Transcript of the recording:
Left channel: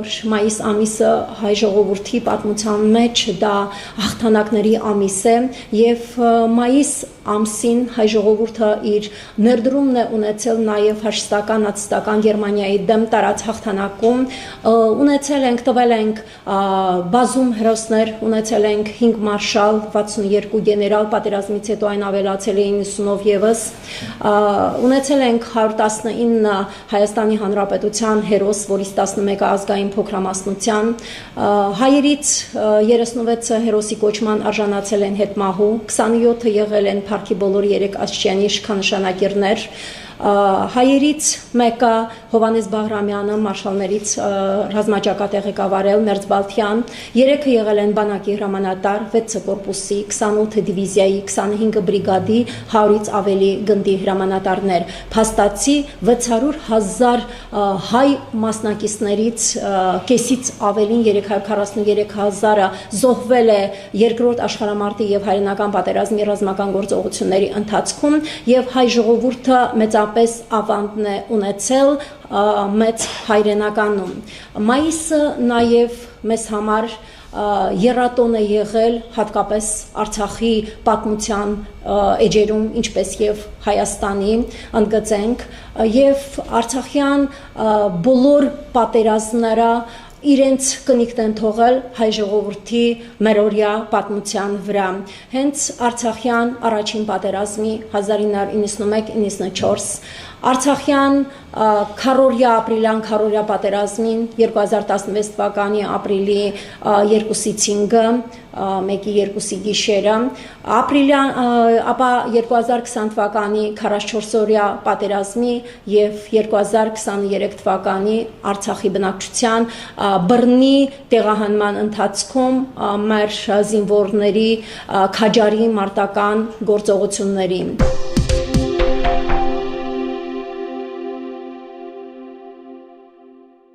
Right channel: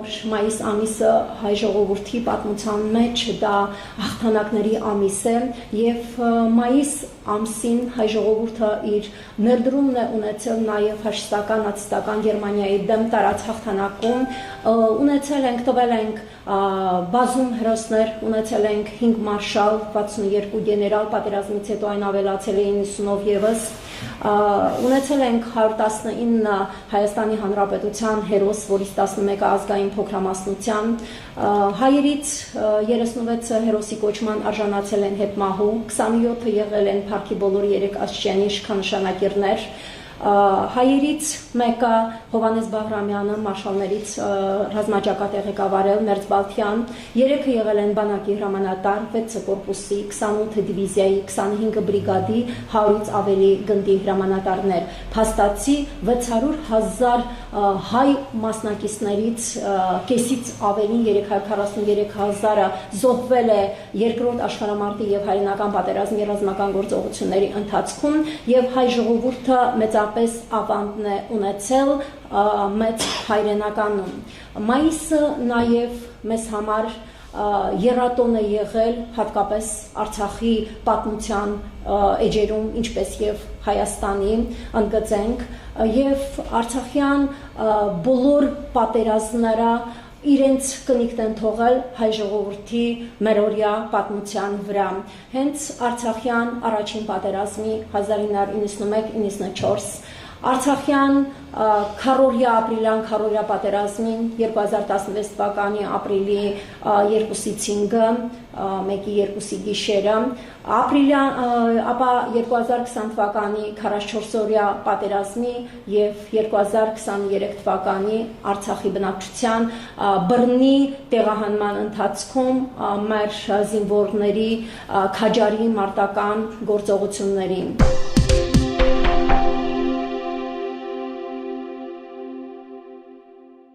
որ մայիս ամիսը հայ ժողովրդի պատմության մեջ դա հաղթանակների ամիս է եւ մայիս ամսին հայ ժողովուրդը իր ներդրումն է ունեցել նաեւ ֆաշիստական նացիստական Գերմանիայի դեմ տարած հաղթանակում ունեցել ենք տվել ենք բազում հերոսներ ունեցել ենք 5 մարշալ 62 գեներալ պատերազմից հետո այն ավելացել է 90-ով եւս ունեցել ենք 119 Հայաստանի Հանրապետության հերոս, որից 11-ը ազգային փոքրամասնության, հայերից 36-ը հերոսի կոչման արժանացել են հետմահու, 27-ը եղել են Փառքի բոլոր 3 աստիճանի իշխանանշանագիրներ, հայերից մեկը Հովանես Բաղրամյանը մարշալներից ռազմաճակատ է ղեկավարել Մերձբալթյան, 3-ը եղել են բանակի հրամանատար, 6 կորպուսի, 28 դիվիզիայի, 25 բրիգադի, 100-ից ավելի գնդի հրամանատարներ, փաստացի 600,000 հայ մասնակիցներից կեսից ավելին 343,000-ը զոհվել է երկրորդ աշխարհամարտի եւ հայրենական պատերազմի ռազմական գործողությունների ընթացքում եւ հայ ժողովուրդը մեծապես ավանդն է ունեցել մեծ հայրենականում։ Մայիսը նաեւ մեզ համար եռատոն է եղել հատկապես Արցախի պատմության էջերում, ինչպես եւ Հայաստանի, ընդգծենք, եւ արցախյան բոլոր պատերազմները իրենց կնիքն են թողել հայ ժողովրդի մերօրյա պատմության վրա։ Հենց Արցախյան առաջին պատերազմի 1991-94 Արցախյան քառորյա ապրիլյան քառորյա պատերազմին 2016 թվականի ապրիլի 2-ից 5-ը, 1-ի 2-ի գիշերը, ապա 2020 թվականի 44-օրյա պատերազմի եւ 2023 թվականի Արցախի բնակչության բռնի տեղահանման ընթացքում մեր զինվորների քաջարի մարտական գործողություններին։